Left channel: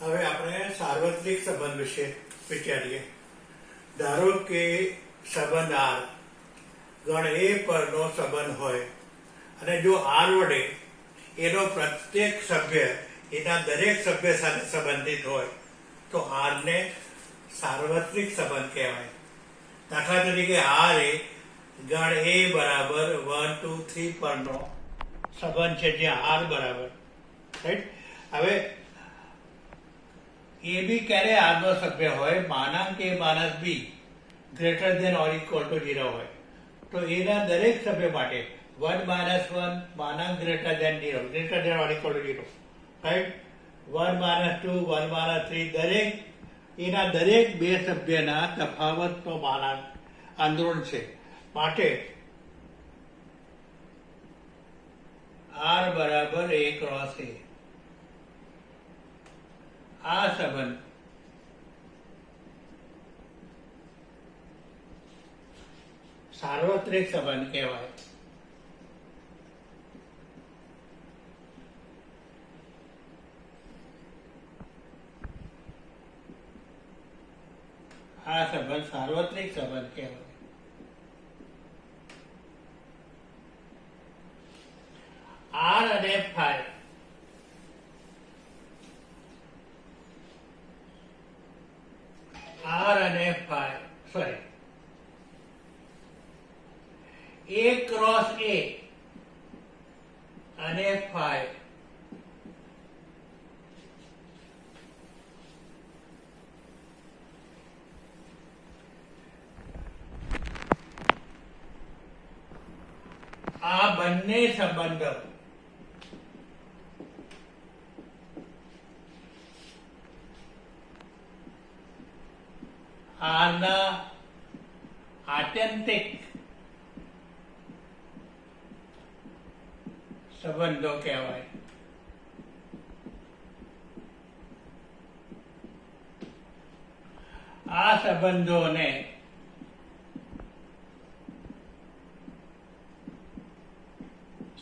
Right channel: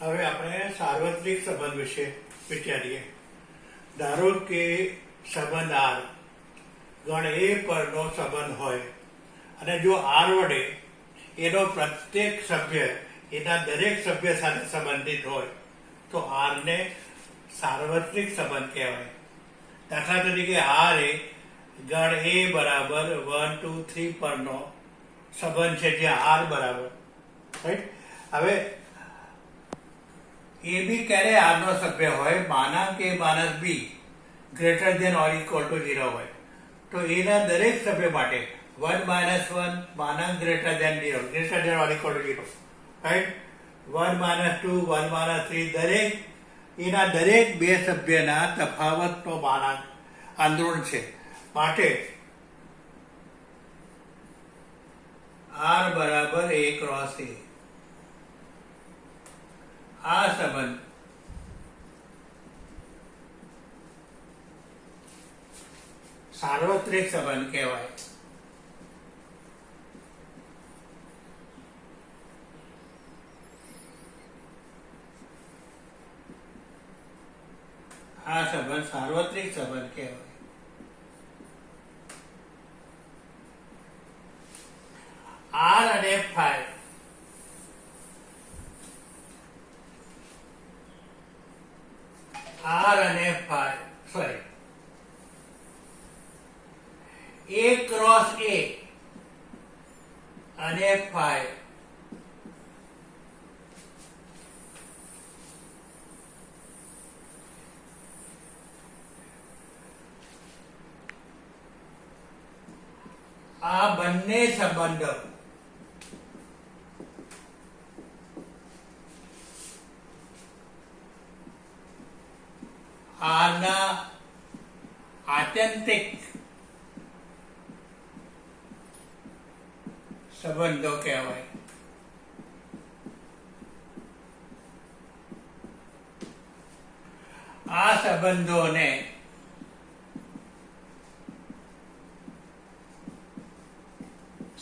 હવે આપણે સાર્વત્રિક સંબંધ વિશે વિચારીએ. ધારો કે સંબંધ આર ગણ એ પરનો સંબંધ હોય અને જો આર વડે એનો પ્રત્યેક સભ્ય એના દરેક સભ્ય સાથે સંબંધિત હોય તો આરને સાર્વત્રિક સંબંધ કહેવાય. દાખલા તરીકે આર એ ગણ એ બરાબર 1 2 3 પરનો સંબંધ છે, જ્યાં આર બરાબર રાઈટ. હવે એ બી ક્યારે આર નો સભ્ય હોય માનાંક A minus B greater than or equal to 0 હોય તો એના દરેક સભ્ય માટે 1 - 1 માનાંક greater than 0 greater than or equal to 0 right. 1 - 2 1 - 3 દરેક એના દરેક બે સભ્યના તફાવતનો માનાંક અંદરૂણ છે. માટે આર બરાબર a ક્રોસ a આ સંબંધ સાર્વત્રિક સંબંધ કહેવાય. આ સંબંધ સાર્વત્રિક સંબંધ કહેવાય. આર અને ફાઈ આર અને ફાઈ સોરી એ ક્રોસ એ અને ફાઈ આ બંને સંબંધો આના આત્યંતિક સંબંધો કહેવાય. આ સંબંધોને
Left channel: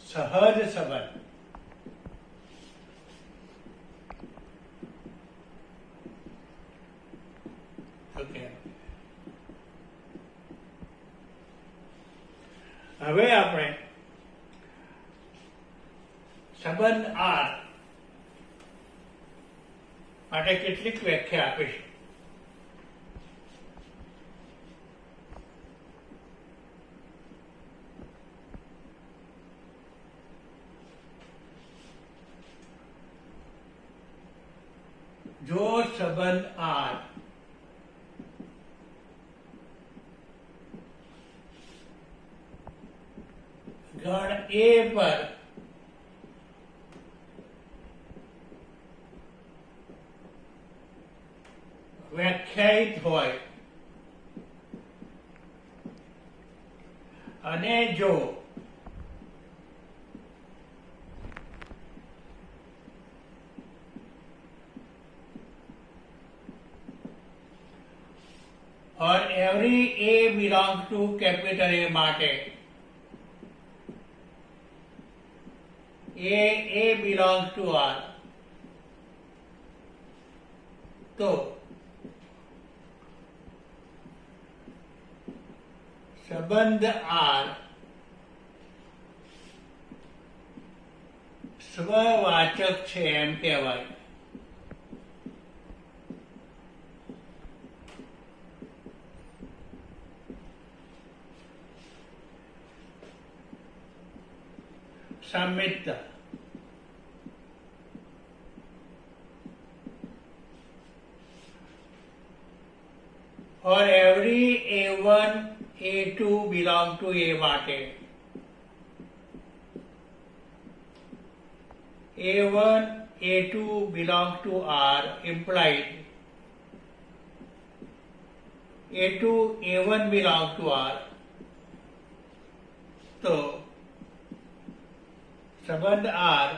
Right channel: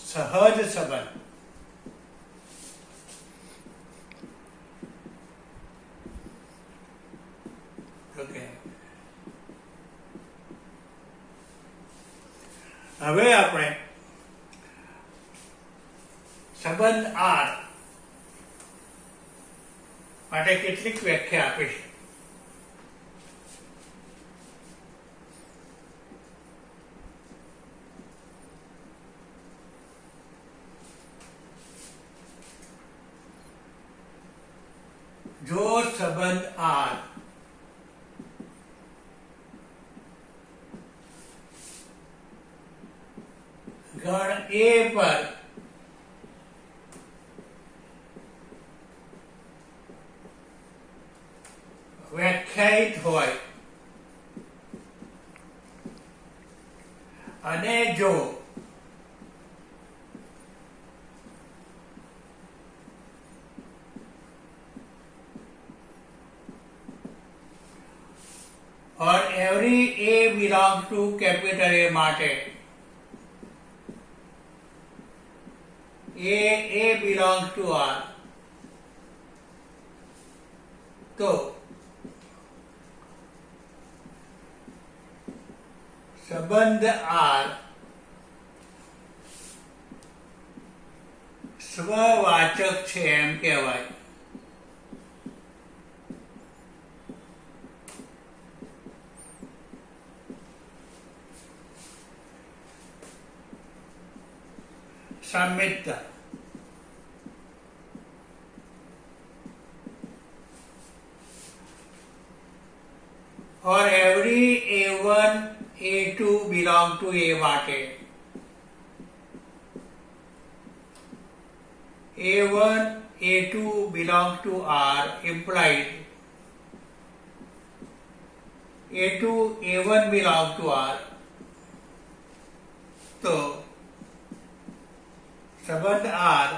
સહજ સંબંધ ઓકે. હવે આપણે સંબંધ આર માટે કેટલીક વ્યાખ્યા આપીશું. જો સંબંધ આર ગણ એ પર વ્યાખ્યાયિત હોય અને જો और every a belongs to capital A માટે a belongs to R તો સંબંધ R સ્વવાચક છે એમ કહેવાય. સામ્યતા or every a1 a2 belong to a માટે a1 a2 belong to R implied a2 a1 belong to R તો સંબંધ આર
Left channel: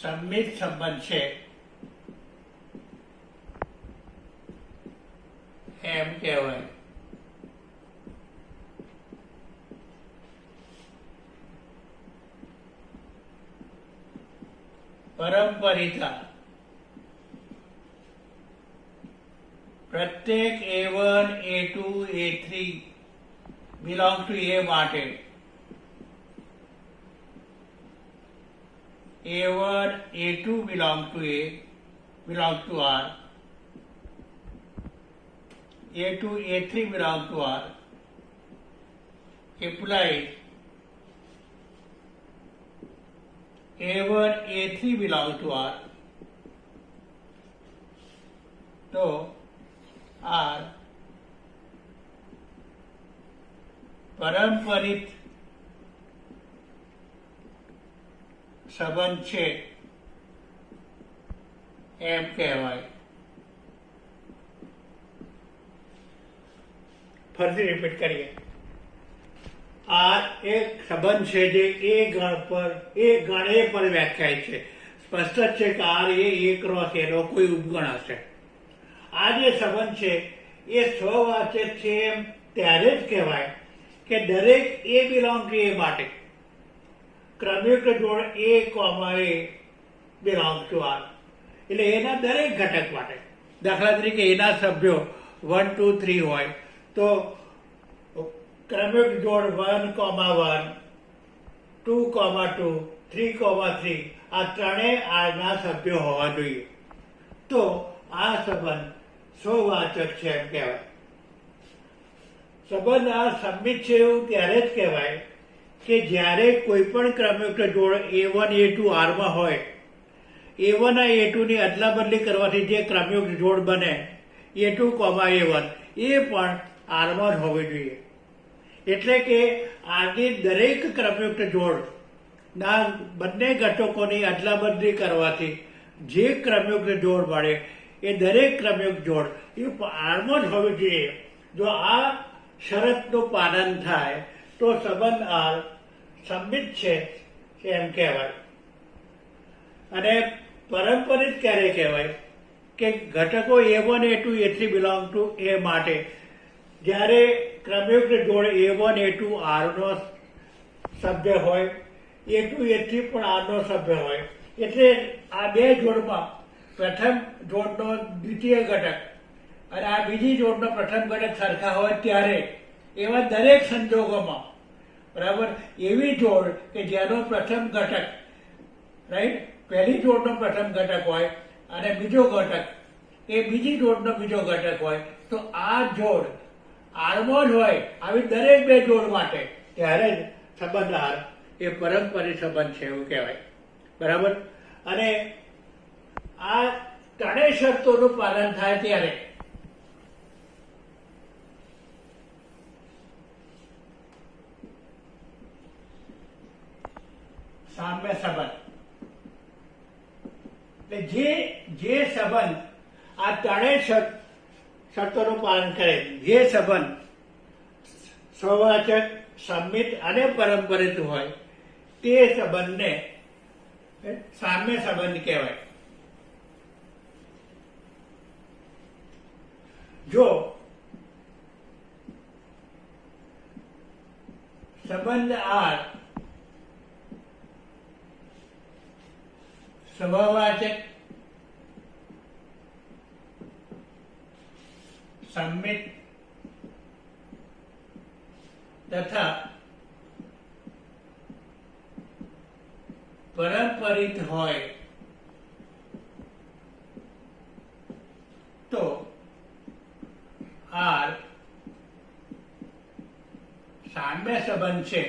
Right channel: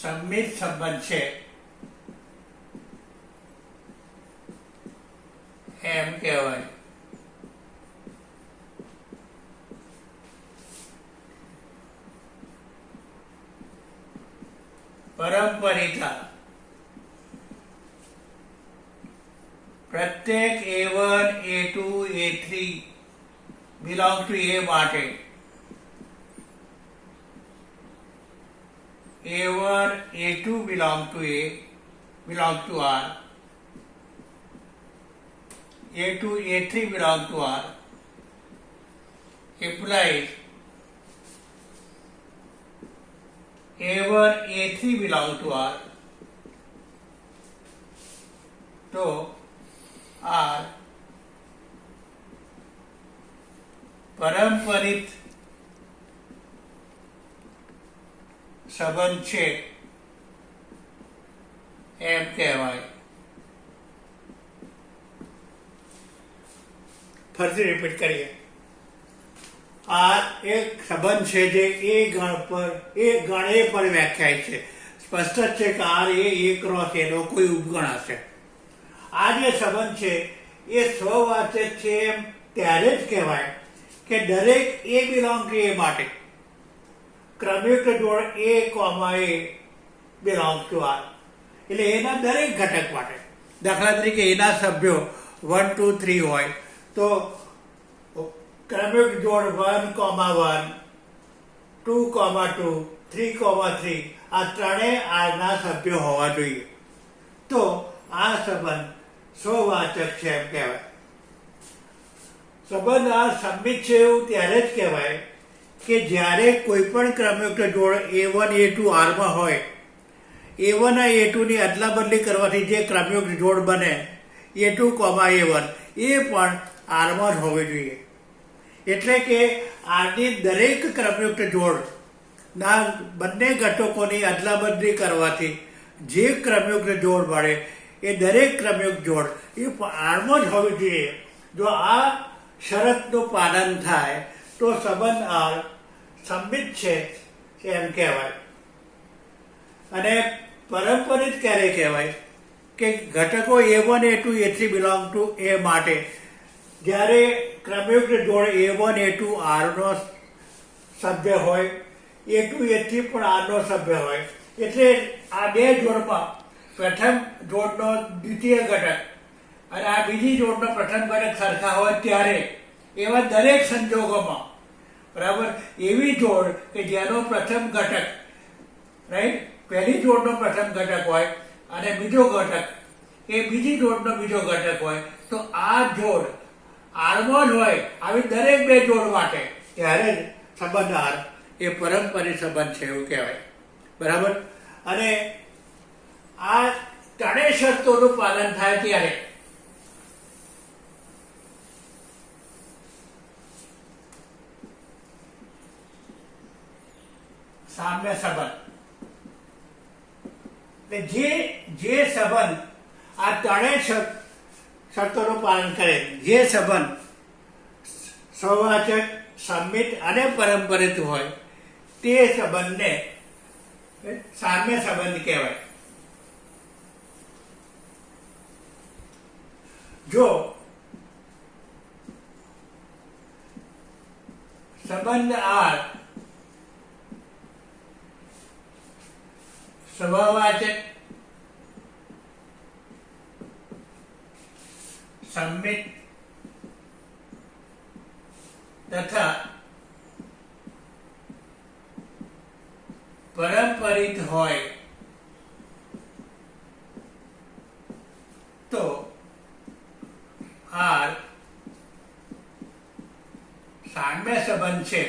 સંમિત સંબંધ છે એમ કહેવાય. परम्परिता प्रत्येक A1 A2 A3 belong to A માટે A1 A2 belong to R, A2 A3 belong to R, implies A1 A3 belong to R, तो R परम्परित સંબંધ છે એમ કહેવાય. ફરીથી રિપીટ કરીએ. આ એક સંબંધ છે જે એ ગણ પર વ્યાખ્યાયિત છે. સ્પષ્ટ જ છે કે R એ ક્રોસ એનો કોઈ ઉપગણ હશે. આ જે સંબંધ છે એ સ્વવાચક છે એમ ત્યારે જ કહેવાય કે દરેક A બિલોંગ ટુ A માટે ક્રમયુક્ત જોડ A, A belong to R. એટલે એના દરેક ઘટક માટે, દાખલા તરીકે એના સભ્યો 1, 2, 3 હોય તો ક્રમયુક્ત જોડ 1, 1, 2, 2, 3, 3 આ ત્રણેય આરના સભ્યો હોવા જોઈએ. તો આ સંબંધ સ્વવાચક છે એમ કહેવાય. સંબંધ આ સંમિત છે એવું ત્યારે જ કહેવાય કે જ્યારે કોઈ પણ ક્રમયુક્ત જોડ A1 A2 Rમાં હોય, A1 અને A2 ની અદલા બદલી કરવાથી જે ક્રમયુક્ત જોડ બને A2, A1 એ પણ Rમાં જ હોવી જોઈએ. એટલે કે Rની દરેક ક્રમયુક્ત જોડના બંને ઘટકોની અદલા બદલી કરવાથી જે ક્રમયુક્ત જોડ મળે એ દરેક ક્રમયુક્ત જોડ એ Rમાં જ હોવી જોઈએ. જો આ શરતનું પાલન થાય તો સંબંધ R સંમિત છે એમ કહેવાય. અને પરંપરિત ક્યારે કહેવાય કે ઘટકો A1 A2 A3 belong to A માટે જ્યારે ક્રમયુક્ત જોડ A1 A2 Rનો સભ્ય હોય, A2 A3 પણ Rનો સભ્ય હોય. એટલે આ બે જોડમાં પ્રથમ જોડનો દ્વિતીય ઘટક અને આ બીજી જોડનો પ્રથમ ઘટક સરખા હોય ત્યારે એવા દરેક સંજોગોમાં, બરાબર, એવી જોડ કે જેનો પ્રથમ ઘટક રાઈટ પહેલી જોડનો પ્રથમ ઘટક હોય અને બીજો ઘટક એ બીજી જોડનો બીજો ઘટક હોય તો આ જોડ Rમાં જ હોય આવી દરેક બે જોડ માટે ત્યારે જ સંબંધ R એ પરંપરિત સંબંધ છે એવું કહેવાય. બરાબર. અને આ ત્રણેય શરતોનું પાલન થાય ત્યારે સામ્ય સંબંધ. જે સંબંધ આ ત્રણેય શરતોનું પાલન કરે, જે સંબંધ સ્વવાચક, સંમિત અને પરંપરિત હોય તે સંબંધને સામ્ય સંબંધ કહેવાય. જો સંબંધ R સ્વવાચક, સંમિત તથા પરંપરિત હોય તો R સામ્ય સંબંધ છે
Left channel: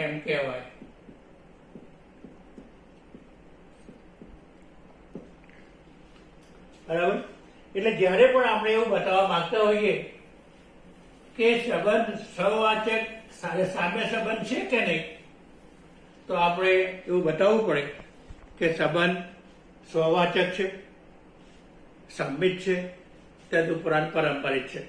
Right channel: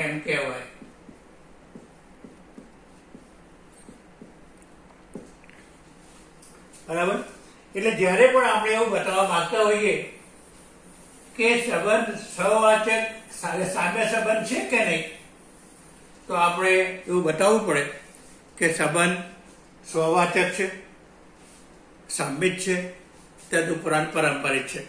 એમ કહેવાય. બરાબર. એટલે જ્યારે પણ આપણે એવું બતાવવા માંગતા હોઈએ કે સંબંધ સહવાચક સામ્ય સંબંધ છે કે નહીં, તો આપણે એવું બતાવવું પડે કે સંબંધ સ્વવાચક છે, સંમિત છે, તદુપરાંત પરંપરિત છે.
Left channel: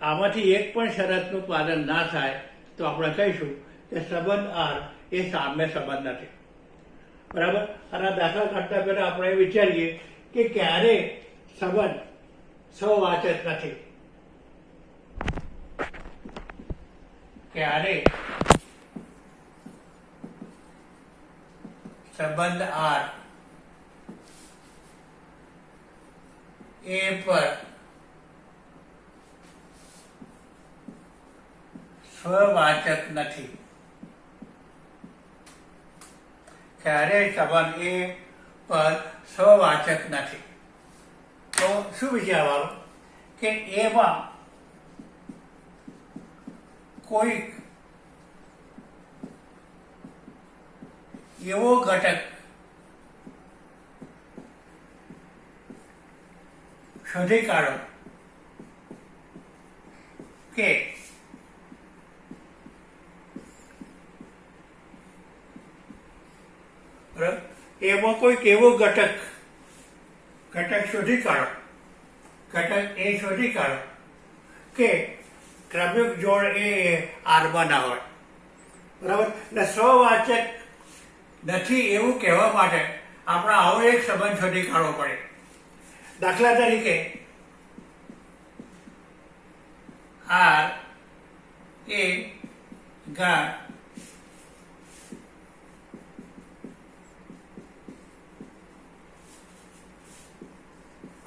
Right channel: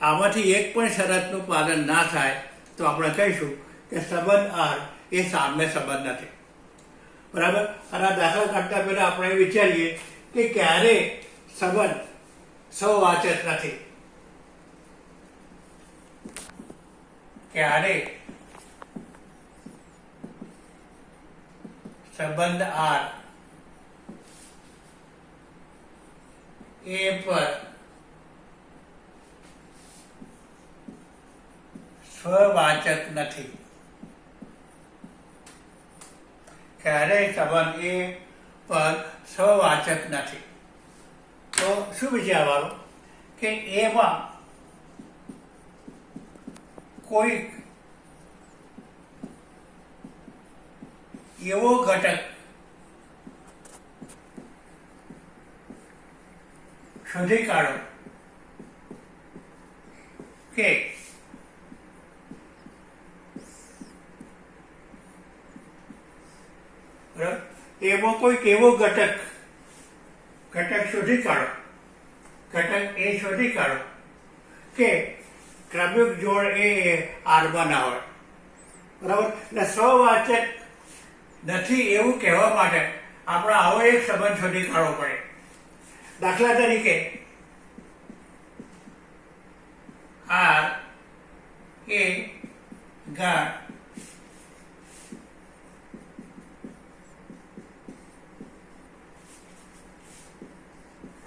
આમાંથી એક પણ શરતનું પાલન ના થાય તો આપણે કહીશું કે સંબંધ R એ સામ્ય સંબંધ નથી. બરાબર. અને દાખલા કાઢતા પહેલા આપણે વિચારીએ કે ક્યારે સંબંધ સહવાચક નથી, ક્યારે સંબંધ આર એ પર સ્વવાચક નથી. ક્યારેય સંબંધ એ પર સ્વવાચક નથી. તો શું વિચારવાનું કે એમાં કોઈ એવો ઘટક શોધી કાઢો કે એમાં કોઈક એવો ઘટક શોધી કાઢો, ઘટક એ શોધી કાઢો કે ક્રમિક જોડ એ આરમાં ના હોય. બરાબર. એટલે સ્વવાચક નથી એવું કહેવા માટે આપણે આવો એક સંબંધ શોધી કાઢવો પડે. દાખલા તરીકે આર એ ગાઢ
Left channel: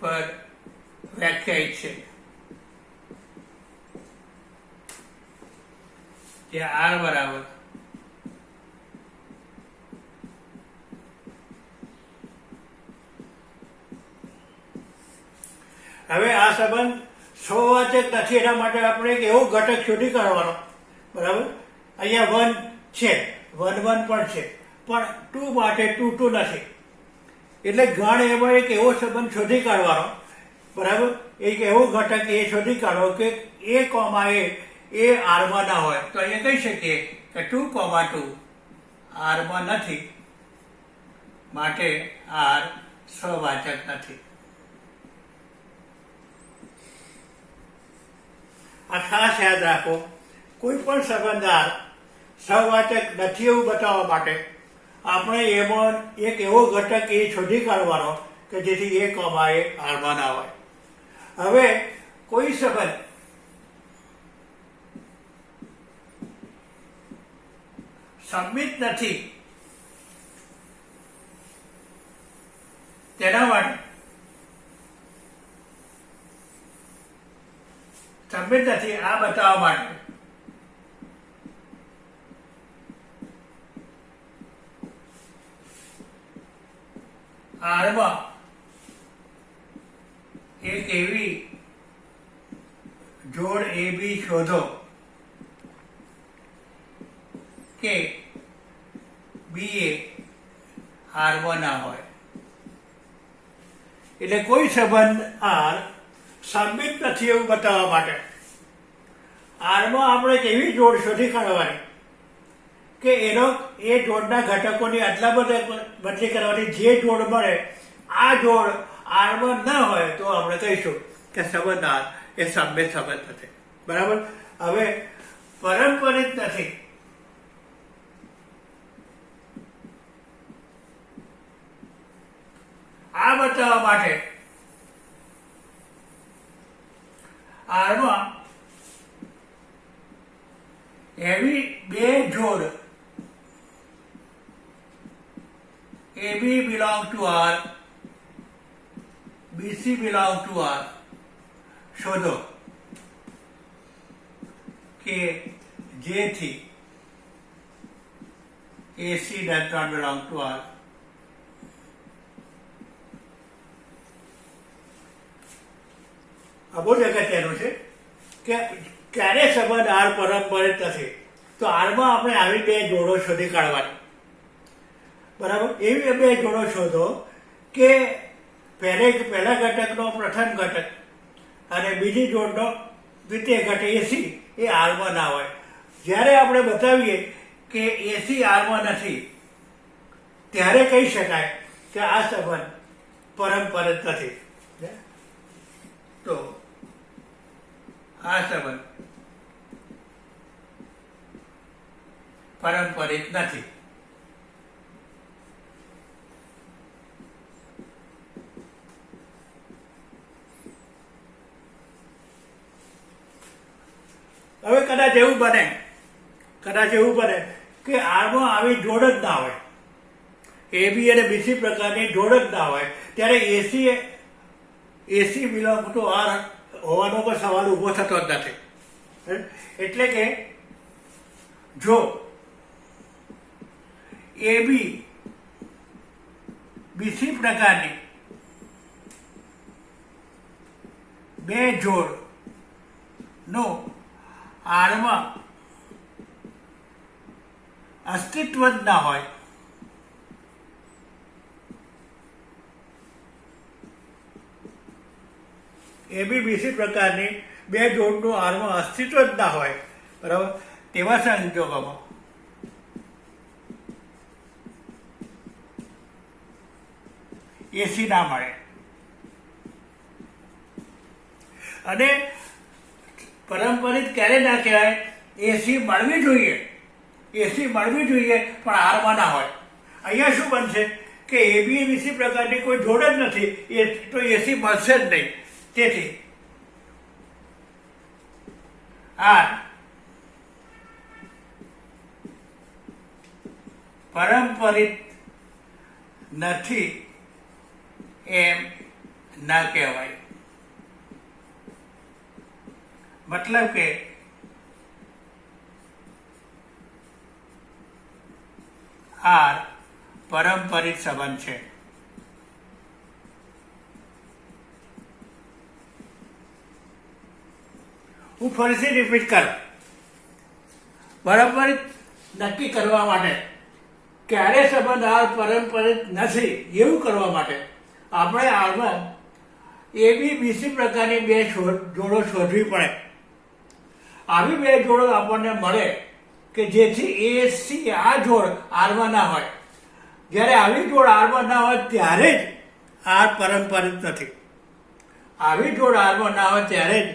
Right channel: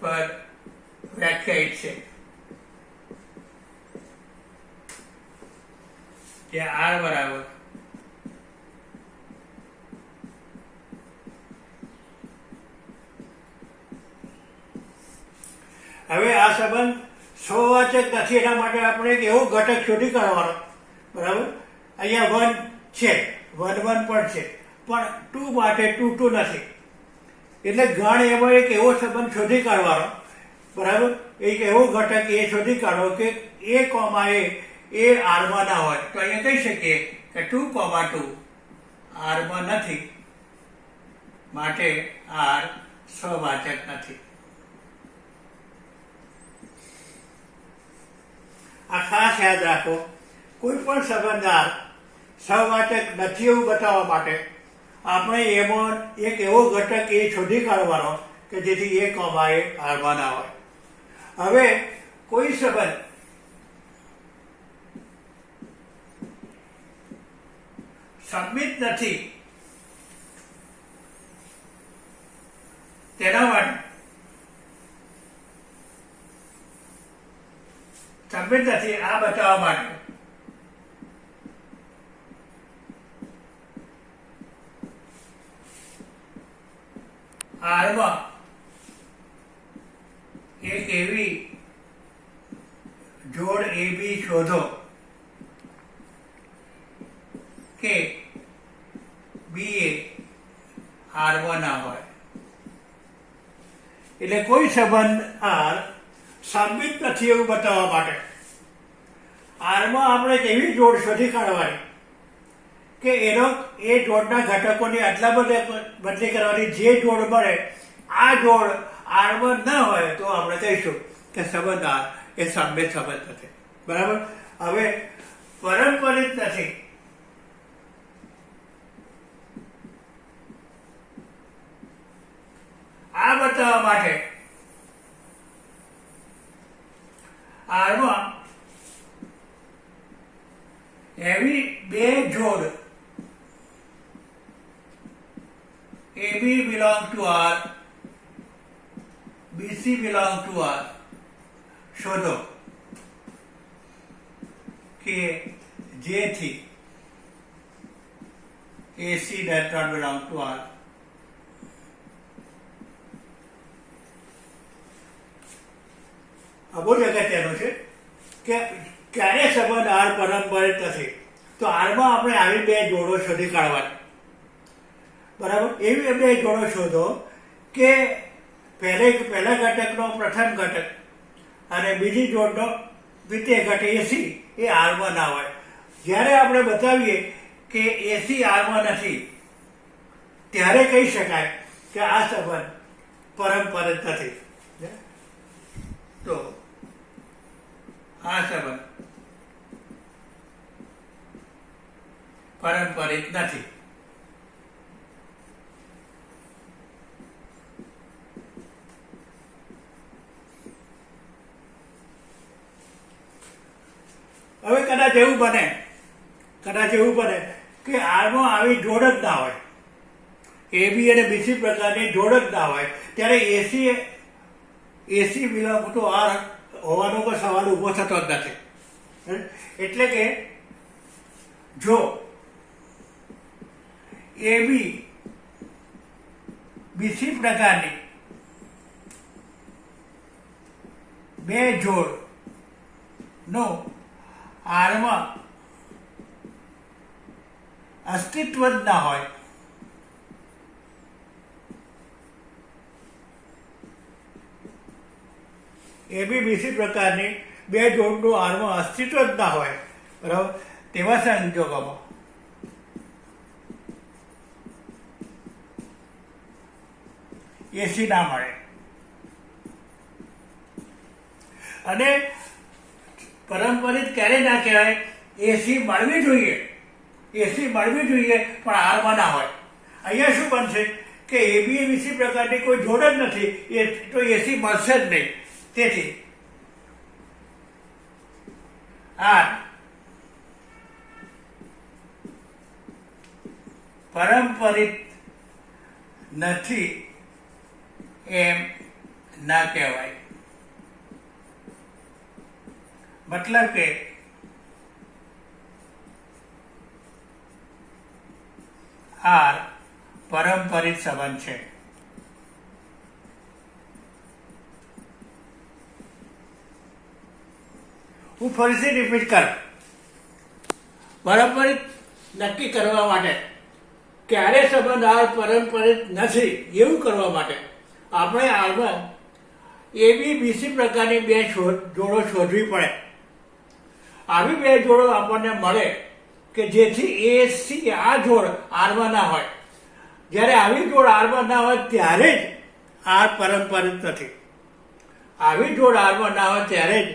પર વ્યાખ્યાયિત છે. ત્યાં આર બરાબર હવે આ સંબંધ સ્વવાચક નથી એના માટે આપણે એક એવો ઘટક શોધી કાઢવાનો. બરાબર. અહીંયા 1 છે, 1 1 પણ છે, પણ 2 માટે 2 2 નથી. એટલે ગણ એમાં એક એવો સંબંધ શોધી કાઢવાનો. બરાબર. એક એવો ઘટક એ શોધી કાઢો કે એ કોમા એ આરમાં ના હોય. તો અહીંયા કહી શકીએ કે 2,2 આરમાં નથી, માટે આર સ્વવાચક નથી. આ ખાસ યાદ રાખો. કોઈ પણ સંબંધ આર સ્વવાચક નથી એવું બતાવવા માટે આપણે એમાં એક એવો ઘટક એ શોધી કાઢવાનો કે જેથી એ કોમા એ આરમાં ના હોય. હવે કોઈ સંબંધ સંમિત નથી તેના માટે સંમિત નથી આ બતાવવા માટે આરમાં એક એવી જોડ એ બી શોધો કે બી એ આરમાં ના હોય. એટલે કોઈ સંબંધ આર સંમિત નથી એવું બતાવવા માટે આરમાં આપણે એક એવી જોડ શોધી કાઢવાની કે એ જોડના ઘટકોની અદલા બદલી કરવાની. જે જોડ મળે આ જોડ આરમાં ન હોય તો આપણે કહીશું કે સંબંધ આર એ સંમિત સંબંધ નથી. બરાબર. હવે પારંપરિક નથી આ બતાવવા માટે આરમાં એવી બે જોડ AB belong to R, BC belong to R શોધો કે જેથી AC does not belong to R. આ બહુ અગત્યનું છે કે ક્યારે સંબંધ આર પારંપરિક નથી તો આરમાં આપણે આવી બે જોડો શોધી કાઢવાની. બરાબર. એવી બે જોડો શોધો કે પહેલા ઘટકનો પ્રથમ ઘટક અને બીજી જોડનો દ્વિતીય ઘટક એસી એ આરમાં ના હોય. જ્યારે આપણે બતાવીએ કે એસી આરમાં નથી ત્યારે કહી શકાય કે આ સંબંધ પારંપરિક નથી. તો આ સંબંધ પારંપરિક નથી. હવે કદાચ એવું બને કે આરમાં આવી જોડ જ ના હોય. એબી અને બીસી પ્રકારની જોડ જ ના હોય ત્યારે એસી બિલોંગ ટુ આર હોવાનો કોઈ સવાલ ઊભો થતો જ નથી. એટલે કે જો એબી બીસી પ્રકારની બે જોડ નો આરમાં અસ્તિત્વ જ ના હોય એબી બીસી પ્રકારની બે જોડનું આરમાં અસ્તિત્વ જ ના હોય બરાબર તેવા સંજોગોમાં એસી ના મળે. અને પરંપરિત ક્યારે ના કહેવાય? એસી મળવી જોઈએ પણ આરમાં ના હોય. અહીંયા શું બનશે કે એબી બીસી પ્રકારની કોઈ જોડ જ નથી તો એસી મળશે જ નહીં. તેથી આર પરંપરિત નથી એમ ના કહેવાય. મતલબ કે આર પરંપરિત સંબંધ છે. હું ફરીથી રિપીટ કરું. પરંપરિત નક્કી કરવા માટે ક્યારે સંબંધ આર પરંપરિત નથી એવું કરવા માટે આપણે આરમાં એબી બીસી પ્રકારની બે જોડો શોધવી પડે. આવી બે જોડો આપણને મળે કે જેથી એસી આ જોડ આરમાં ના હોય. જ્યારે આવી જોડ આરમાં ના હોય ત્યારે જ આર પરંપરિત નથી. આવી જોડ આરમાં ના હોય ત્યારે જ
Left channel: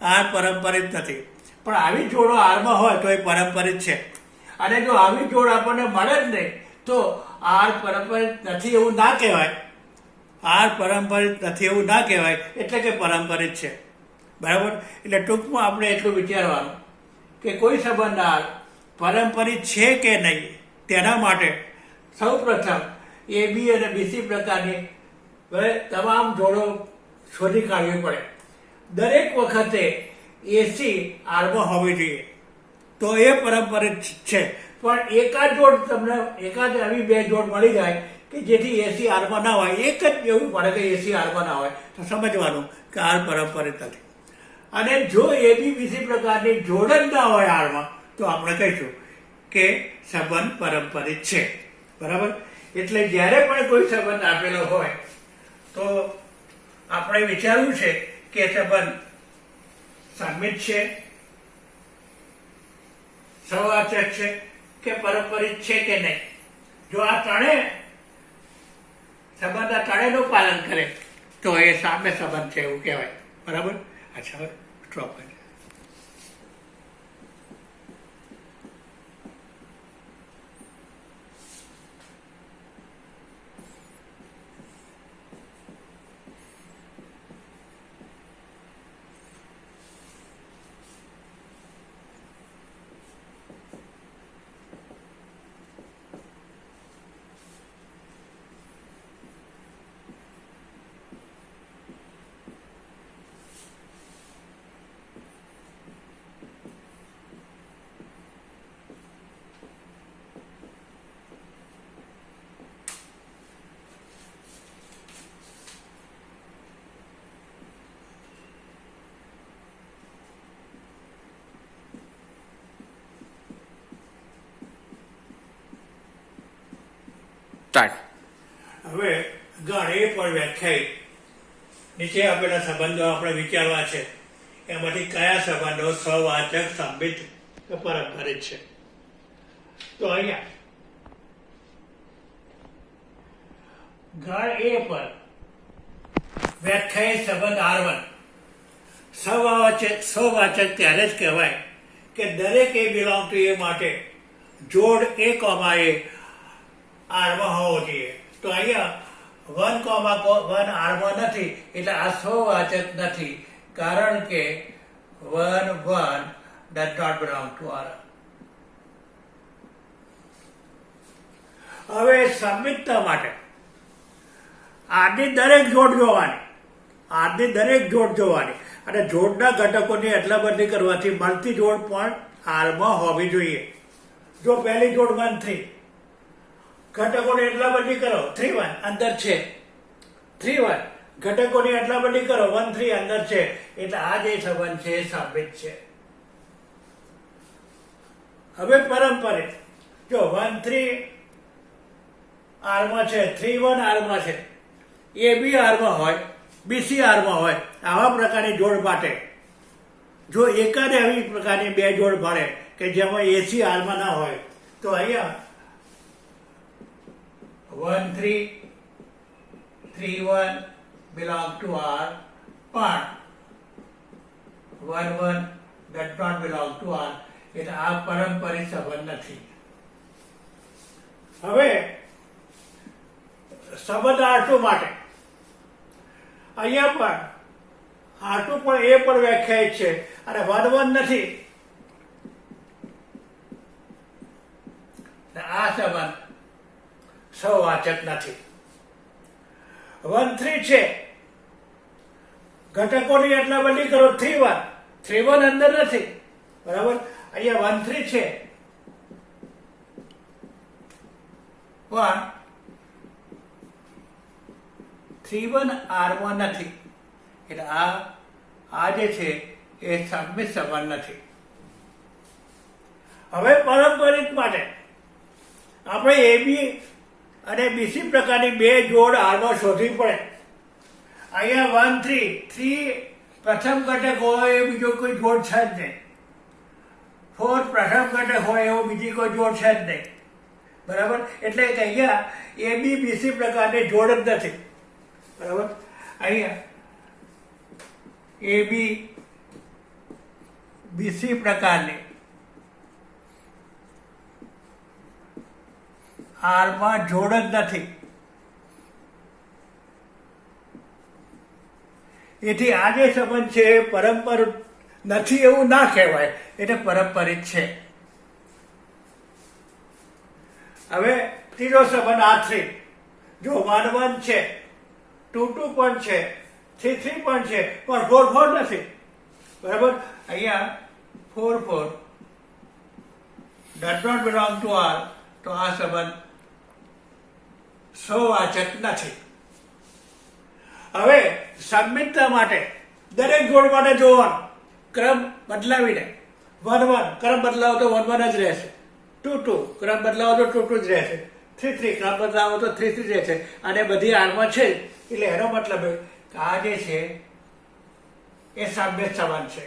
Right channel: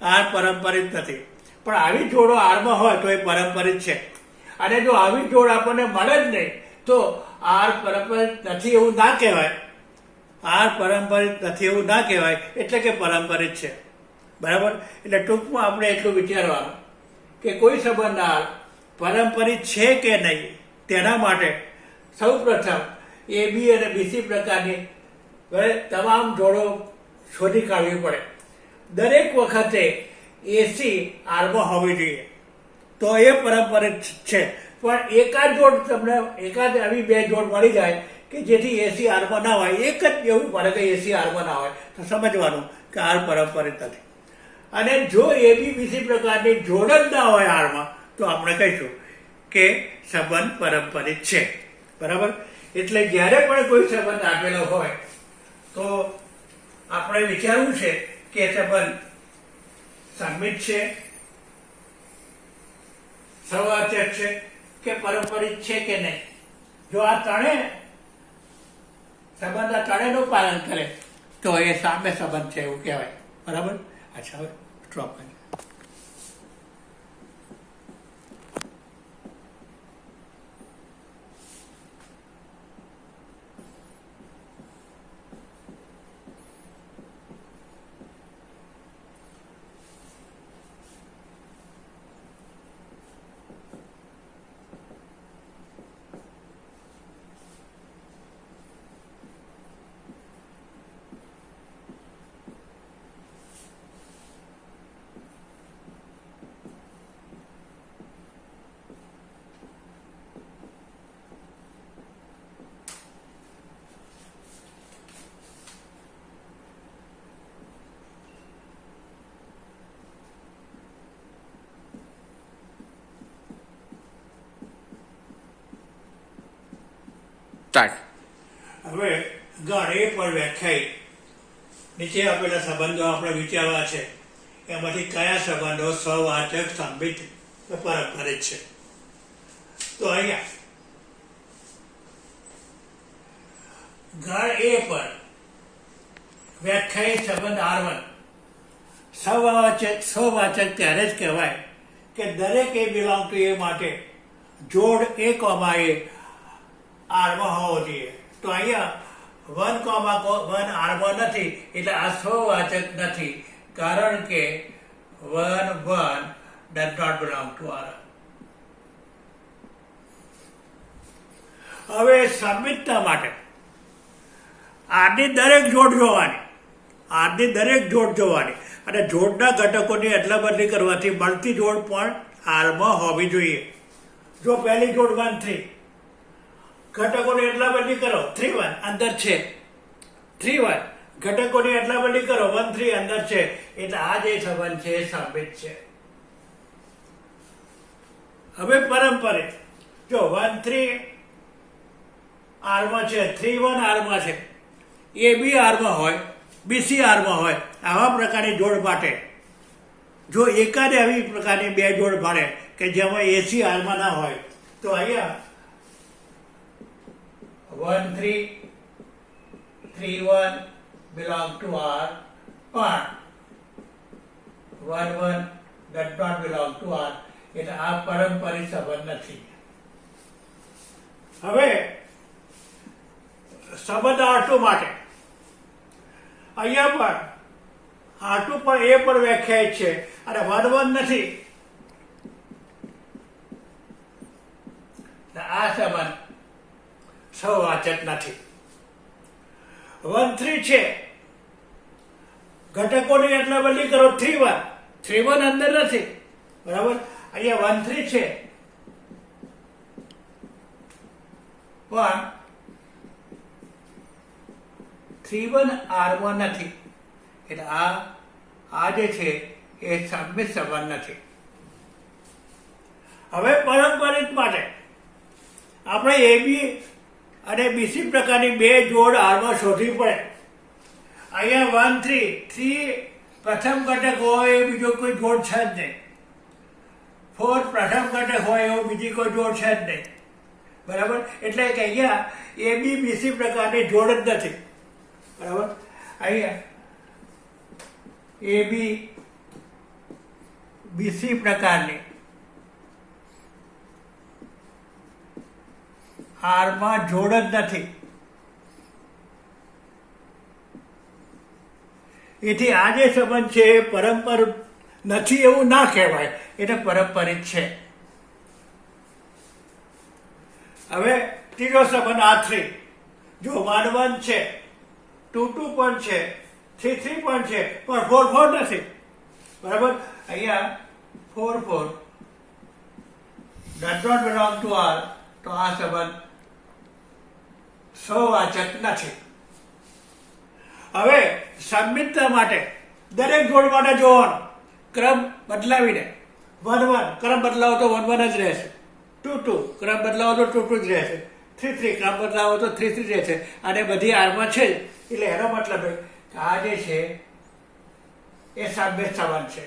આર પરંપરિત નથી. પણ આવી જોડો આરમાં હોય તો એ પરંપરિત છે. અને જો આવી જોડ આપણને મળે જ નહીં તો આર પરંપરિત નથી એવું ના કહેવાય. આર પરંપરિત નથી એવું ના કહેવાય એટલે કે પરંપરિત છે. બરાબર? એટલે ટૂંકમાં આપણે એટલું વિચારવાનું કે કોઈ સંબંધ આર પરંપરિત છે કે નહીં તેના માટે સૌ પ્રથમ એબી અને બીસી પ્રકારની તમામ જોડો શોધી કાઢવી પડે. દરેક વખતે એસી આરમાં હોવી જોઈએ તો એ પરંપરિત છે. પણ એકાદ આવી બે જોડ મળી જાય કે જેથી એસી આરમાં ના હોય, એક જ એવું પડે કે એસી આરમાં ના હોય તો સમજવાનું કે આર પરંપરિત નથી. અને જો એબી બીસી પ્રકારની જોડ જ ના હોય આરમાં તો આપણે કહીશું કે સંબંધ પરંપરિત છે. બરાબર? એટલે જ્યારે પણ કોઈ સંબંધ આપેલો હોય તો આપણે વિચારવું છે કે સંબંધ સંમિત છે, સહવાચક છે કે પરંપરિત છે કે નહીં. જો આ ત્રણેયનું પાલન કરે તો એ સામ્ય સંબંધ છે એવું કહેવાય. બરાબર? અચ્છા, હવે સ્ટોપ કરીએ. હવે ગણ એ પર વ્યાખ્યાયિત નીચે આપેલા સંબંધો આપણે વિચારવા છે. એમાંથી કયા સંબંધો સહવાચક, સંમિત કે પરંપરિત છે? તો અહીંયા ગણ એ પર વ્યાખ્યાયિત સંબંધ R1 સહવાચક ત્યારે જ કહેવાય કે દરેક એ બિલોંગ ટુ એ માટે જોડ A, A આરમાં હોવો જોઈએ. તો અહીંયા 1, 1 આરમાં નથી એટલે આ સહવાચક નથી, કારણ કે 1, 1 does not belong to R. હવે સંમિતતા માટે આરની દરેક જોડ જોવાની, આરની દરેક જોડ જોવાની અને જોડના ઘટકોની અદલા બદલી કરવાથી મળતી જોડ પણ આરમાં હોવી જોઈએ. જો પહેલી જોડ 1 3, ઘટકોની અદલા બદલી કરો 3 1 અંદર છે, 3 1 ઘટકોની અદલા બદલી કરો 1 3 અંદર છે, એટલે આ જે સંબંધ છે એ સાબિત છે. હવે પરંપરે જો 1 3 આરમાં છે, 3 1 આરમાં છે, એ બી આરમાં હોય, બીસી આરમાં હોય, આવા પ્રકારની જોડ માટે જો એકાદ આવી પ્રકારની બે જોડ મળે કે જેમાં એસી આરમાં ના હોય તો અહીંયા 1 3 3 1 belong to R પણ 1 1 does not belong to R, એટલે આ પારંપરિક સંબંધ નથી. હવે સંબંધ R2 માટે અહીંયા પણ R2 પણ એ પણ વ્યાખ્યાયિત છે અને 1 1 નથી. આ સંબંધ સહવાચક નથી. 1 3 છે, ઘટકોની અદલા બદલી કરો 3 1, 3 1 અંદર નથી, બરાબર. અહીંયા 1 3 છે પણ 3 1 આરમાં નથી, એટલે આ જે છે એ સંમિત સંબંધ નથી. હવે પારંપરિક માટે આપણે એબી અને બીસી પ્રકારની બે જોડ આરમાં શોધવી પડે. અહીંયા 1 3 3 પ્રથમ ઘટક હોય એ બીજો કોઈ જોડ છે જ નહીં, 4 પ્રથમ ઘટક હોય એવો બીજી કોઈ જોડ છે જ નહીં, બરાબર. એટલે કે અહીંયા એબી બીસી પ્રકારની જોડ જ નથી, બરાબર. અહીંયા એબી બીસી પ્રકારની આરમાં જોડ જ નથી. એથી આ જે સંબંધ છે એ પરંપર નથી એવું ના કહેવાય, એટલે પારંપરિક છે. હવે ત્રીજો સંબંધ R3, જો 1 1 છે, 2 2 પણ છે, 3 3 પણ છે, પણ 4 4 નથી, બરાબર. અહીંયા 4 4 does not belong to R, તો આ સંબંધ સહવાચક નથી. હવે સંમિતતા માટે દરેક જોડ માટે જોવાનું ક્રમ બદલાવીને 1 1 ક્રમ બદલાવો તો 1 1 જ રહેશે, 2 2 ક્રમ બદલાવો તો 2 2 જ રહેશે, 3 3 ક્રમ બદલાવો તો 3 3 રહેશે, અને બધી આરમાં છે જ. એટલે એનો મતલબ કે આ જે છે એ સંમિત સંબંધ છે.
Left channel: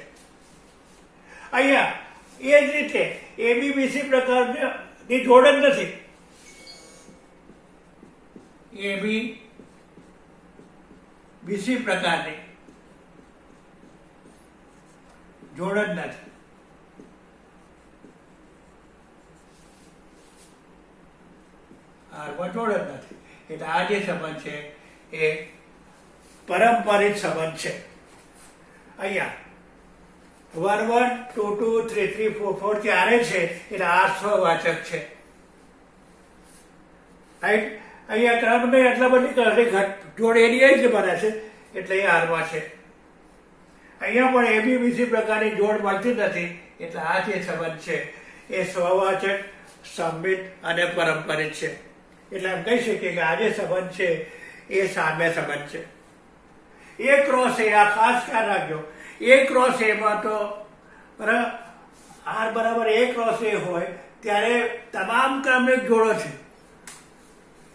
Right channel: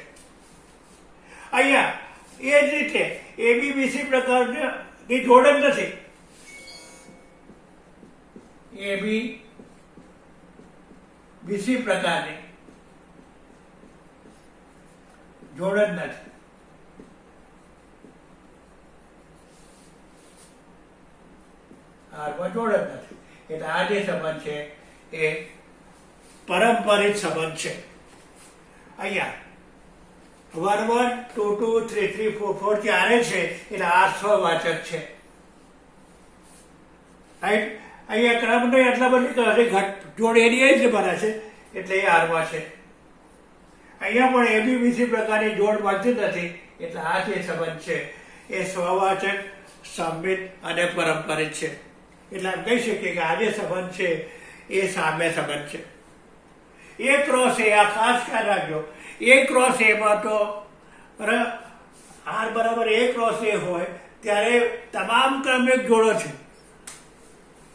અહીંયા એ જ રીતે એબીબીસી પ્રકારની જોડ જ નથી, એબી બીસી પ્રકારની જોડ જ નથી. આરમાં જોડ જ નથી, એટલે આ જે સંબંધ છે એ પારંપરિક સંબંધ છે. અહીંયા 1 1 2 2 3 3 4 4 ચારે છે, એટલે આ સહવાચક છે. અહીંયા ક્રમને એટલા બધી જોડ એની જ બને છે, એટલે એ આરમાં છે. અહીંયા પણ એબીબીસી પ્રકારની જોડ મળતી નથી, એટલે આ જે સંબંધ છે એ સ્વવાચક, સંમિત અને પારંપરિક છે. એટલે એમ કહી શકીએ કે આ જે સંબંધ છે એ સામ્ય સંબંધ છે. એ ક્રોસ એ, આ ખાસ ખ્યાલ રાખજો, એ ક્રોસ એમાં તો આર બરાબર એ ક્રોસ એ હોય ત્યારે તમામ ક્રમિક જોડો છે,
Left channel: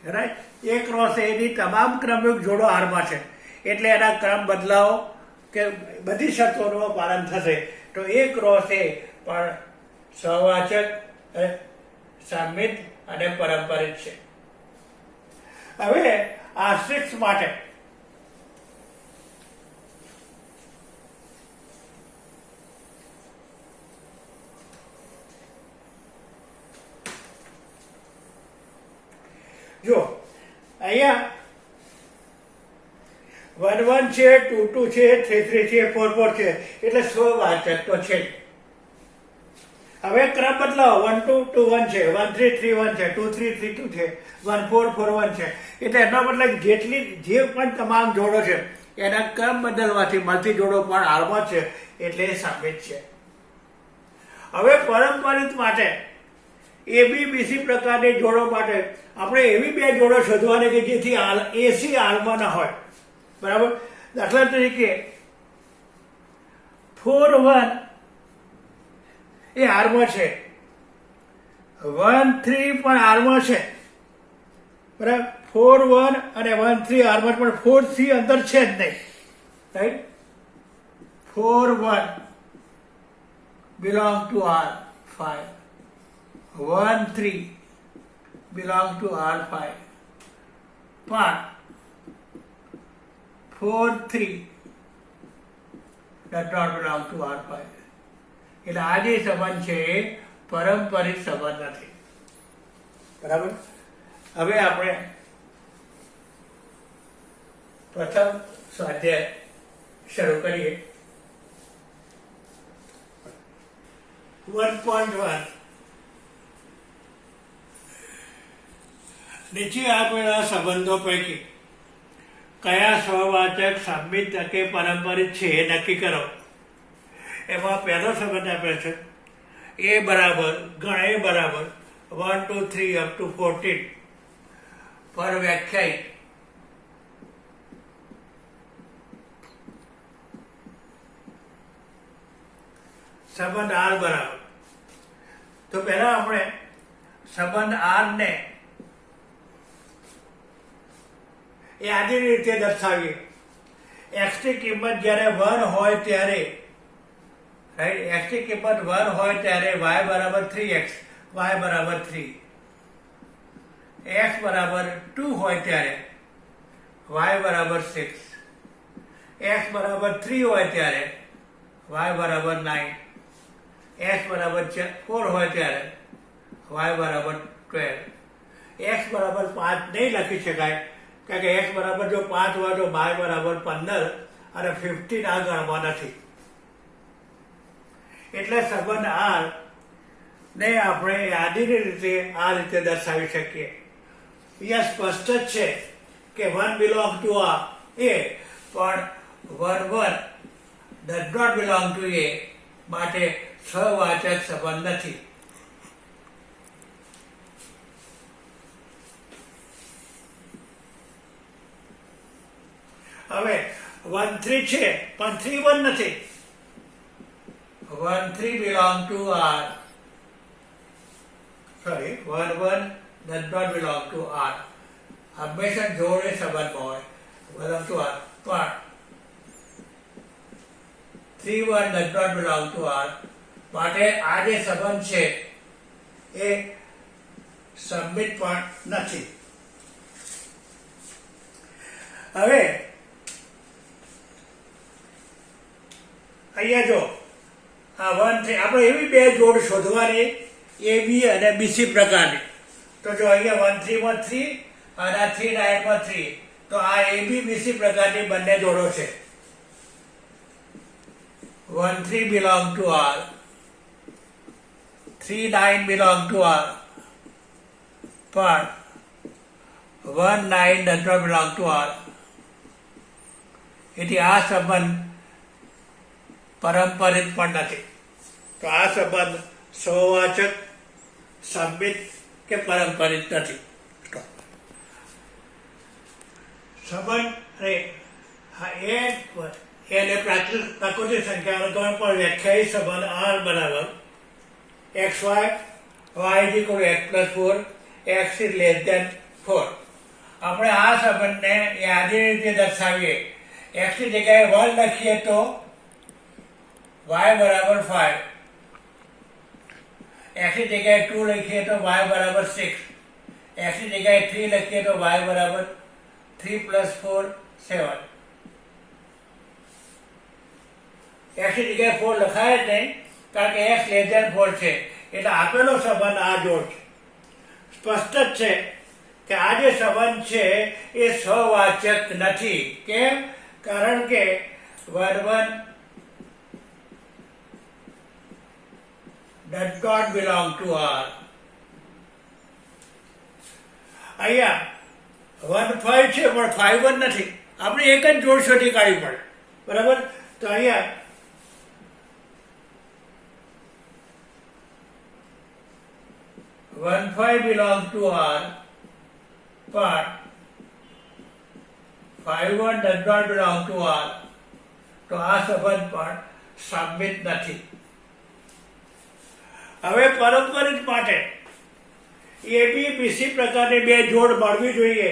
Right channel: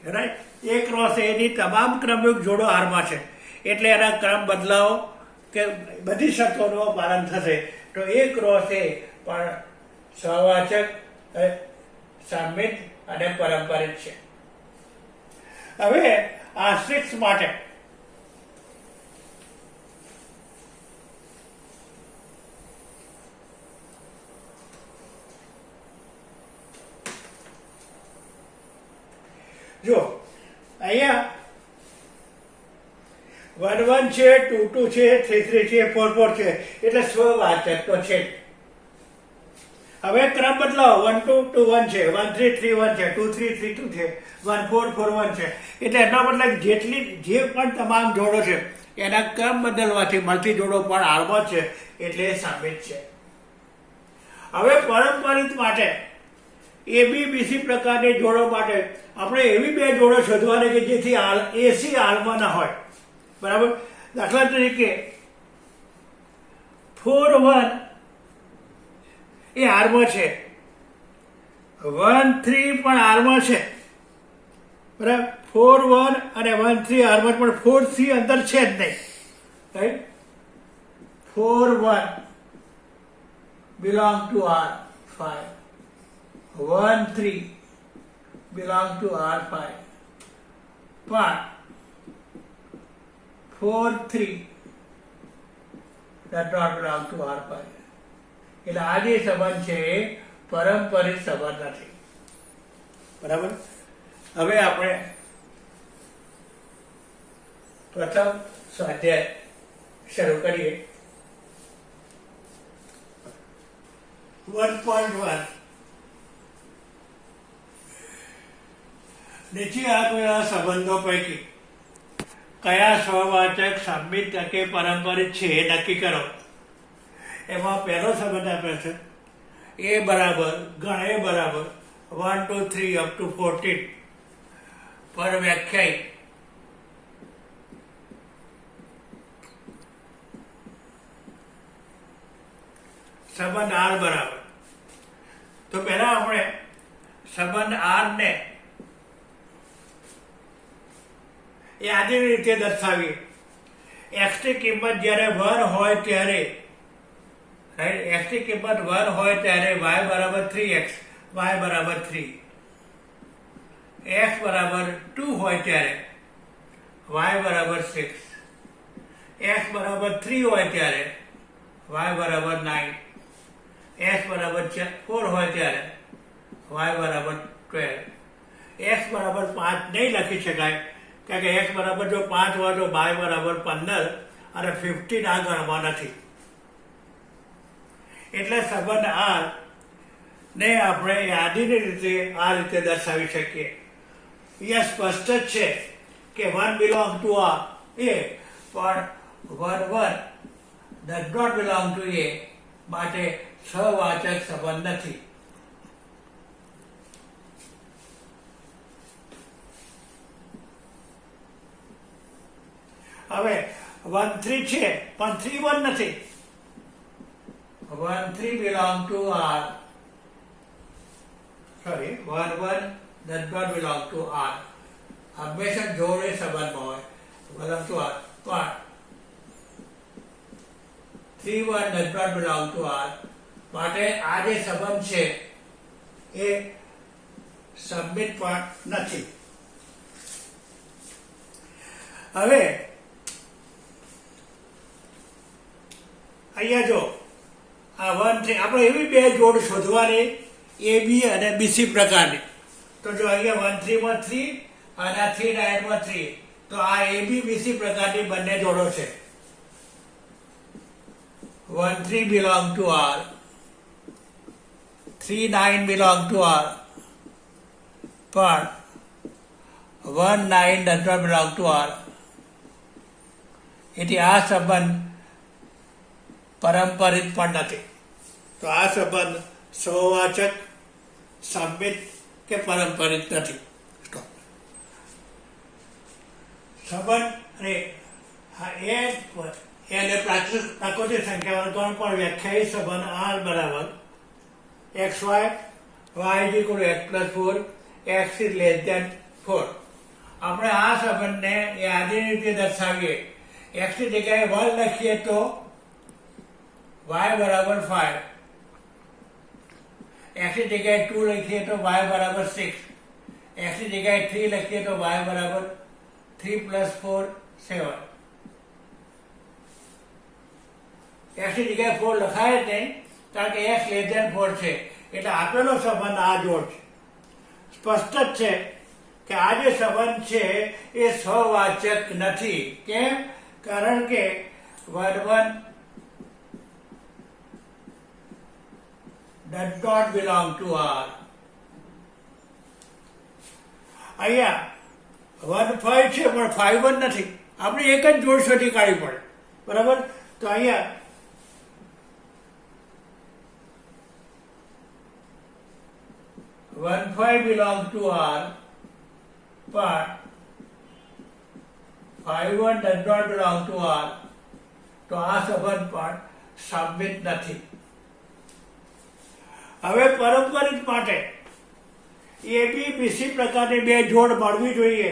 રાઈટ. એ ક્રોસ એની તમામ ક્રમિક જોડો આરમાં છે, એટલે એના ક્રમ બદલાવો કે બધી શરતોનું પાલન થશે, તો એ ક્રોસ એ પણ સહવાચક, સંમિત અને પારંપરિક છે. હવે આશ્રિત માટે જો અહીંયા 1 1 છે, 2 2 છે, 3 3 છે, 4 4 છે, એટલે સ્વવાચક તો છે. હવે ક્રમ બદલાવો 1 2 2 1 છે, 1 3 3 1 છે, 2 3 3 2 છે, 1 4 4 1 છે. એટલે એના બદલે જે પણ તમામ જોડો છે એના ક્રમ બદલવાથી મળતી જોડો પણ હાલમાં છે, એટલે એ સાબિત છે. હવે પારંપરિક માટે એબીબીસી પ્રકારની જોડો માટે આપણે એવી બે જોડો શોધવાની કે જેથી એસી હાલમાં ના હોય. બરાબર. દાખલા તરીકે 4 1 એ હારમાં છે, 1 3 પણ હારમાં છે. બરાબર. 4 1 અને 1 3 હારમાં, પણ 4 3 અંદર છે જ નહીં. Right. 4 1 belong to R5. 1 3 belong to R5. પણ 4 3 does not belong to R5. એટલે આ જે સંબંધ છે એ પારંપરિક સંબંધ નથી. બરાબર. હવે આપણે પ્રથમ સ્વાધ્યાય શરૂ કરીએ. 1.1 નીચે આપેલા સંબંધો પૈકી કયા સ્વવાચક સંમિત કે પારંપરિક છે એ નક્કી કરો. એમાં પહેલો સંબંધ આપેલો છે એ બરાબર ગણ એ બરાબર 1 2 3 up to 14 પર વ્યાખ્યાયિત સંબંધ આર બરાબર. તો પહેલા આપણે સંબંધ આર ને એ આની રીતે દર્શાવીએ. એક્સ ની કિંમત જ્યારે 1 હોય ત્યારે, રાઈટ, એક્સ ની કિંમત 1 હોય ત્યારે y બરાબર 3x, y બરાબર 3. x બરાબર 2 હોય ત્યારે y બરાબર 6. x બરાબર 3 હોય ત્યારે y બરાબર 9. x બરાબર 4 હોય ત્યારે y બરાબર 12. x બરાબર 5 નહીં લખી શકાય, કારણ કે x બરાબર જો 5 હોય તો y બરાબર 15 અને 15 આ ગણમાં નથી. એટલે સંબંધ આર ને આપણે યાદીની રીતે આ રીતે દર્શાવી શકીએ. અહીંયા સ્પષ્ટ જ છે કે 1 belong to a, પણ 1 1 does not belong to a, માટે સહવાચક સંબંધ નથી. હવે 1 3 છે પણ 3 1 નથી. 1 3 belong to R. Sorry, 1 1 does not belong to R. હંમેશા જોડે સંબંધમાં હોય, belong to R. પણ 3 1 does not belong to R, માટે આ જે સંબંધ છે એ સંમિત પણ નથી. હવે અહીંયા જો આ 1 3 આપણે એવી બે જોડ શોધવાની એ બી અને બીસી પ્રકારની. તો જો અહીંયા 1 3 માં 3 અને 3 9 માં 3, તો આ એ બી બીસી પ્રકારની બંને જોડો છે. 1 3 belong to R, 3 9 belong to R, પણ 1 9 does not belong to R. એટલે આ સંબંધ પારંપરિક પણ નથી. તો આ સંબંધ સહવાચક, સંમિત કે પારંપરિક નથી. સંબંધ એને પ્રાકૃતિક સંખ્યાનો ગણ પણ વ્યાખ્યાયિત સંબંધ આર બરાબર xy, y is equal to x plus 4, x is less than 4. આપણે આ સંબંધને યાદી રીતે દર્શાવીએ. x ની જગ્યાએ 1 લખીએ તો y બરાબર 5, x ની જગ્યાએ 2 લખીએ તો y બરાબર 6, x ની જગ્યાએ 3 લખીએ તો y બરાબર 3 plus 4 7. x ની જગ્યાએ 4 લખાય જ નહીં, કારણ કે x less than 4 છે. એટલે આપેલો સંબંધ આ જોડ છે. સ્પષ્ટ જ છે કે આ જે સંબંધ છે એ સહવાચક નથી. કેમ? કારણ કે 1 1 does not belong to R. અહીંયા 1 5 છે પણ 5 1 નથી. આપણે એક જ જોડ શોધી કાઢવી પડે. બરાબર? તો અહીંયા 1 5 belong to R, but 5 1 does not belong to R. તો આ સંબંધ પણ સાબિત નથી. હવે પારંપરિક માટે ABBC પ્રકારની બે જોડ મળવી જોઈએ.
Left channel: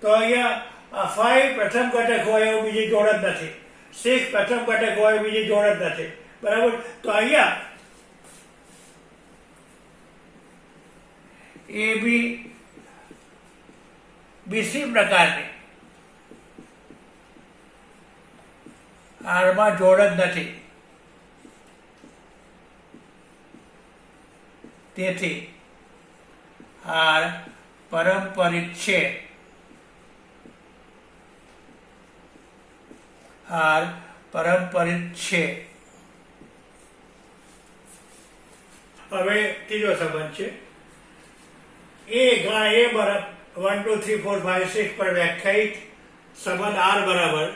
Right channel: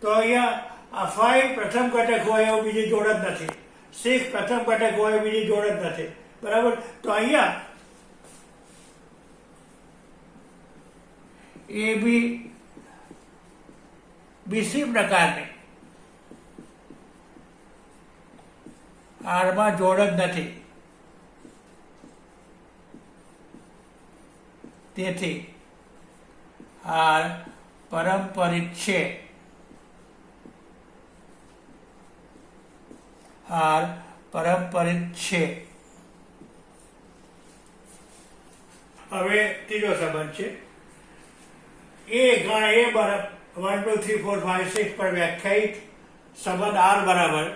તો અહીંયા 5 પ્રથમ ઘટક હોય એવું બીજી જોડ જ નથી. 6 પ્રથમ ઘટક હોય બીજી જોડ જ નથી. બરાબર? તો અહીંયા ABBC પ્રકારની આરમાં જોડ જ નથી. તેથી આર પારંપરિક છે. આર પારંપરિક છે. હવે ત્રીજો સંબંધ છે. એ ગણ એ બરાબર 1 2 3 4 5 6 પર વ્યાખ્યાયિત સંબંધ આર બરાબર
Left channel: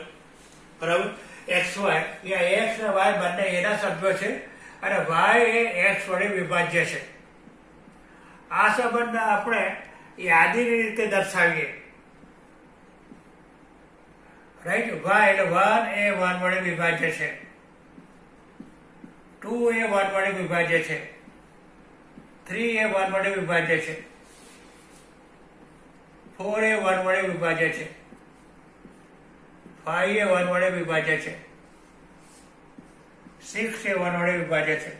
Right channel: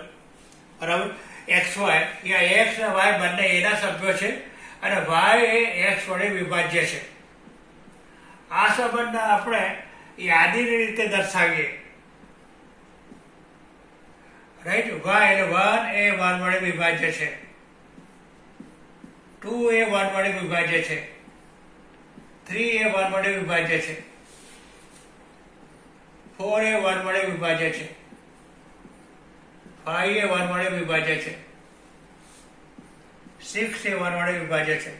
XY. અહીંયા X અને Y બંને એના સભ્યો છે અને Y એ X વડે વિભાજ્ય છે. આ સંબંધને આપણે યાદીની રીતે દર્શાવીએ. રાઈટ? Y એટલે 1 એ 1 વડે વિભાજ્ય છે, 2 એ 1 વડે વિભાજ્ય છે, 3 એ 1 વડે વિભાજ્ય છે, 4 એ 1 વડે વિભાજ્ય છે, 5 એ 1 વડે વિભાજ્ય છે, 6 એ 1 વડે વિભાજ્ય છે.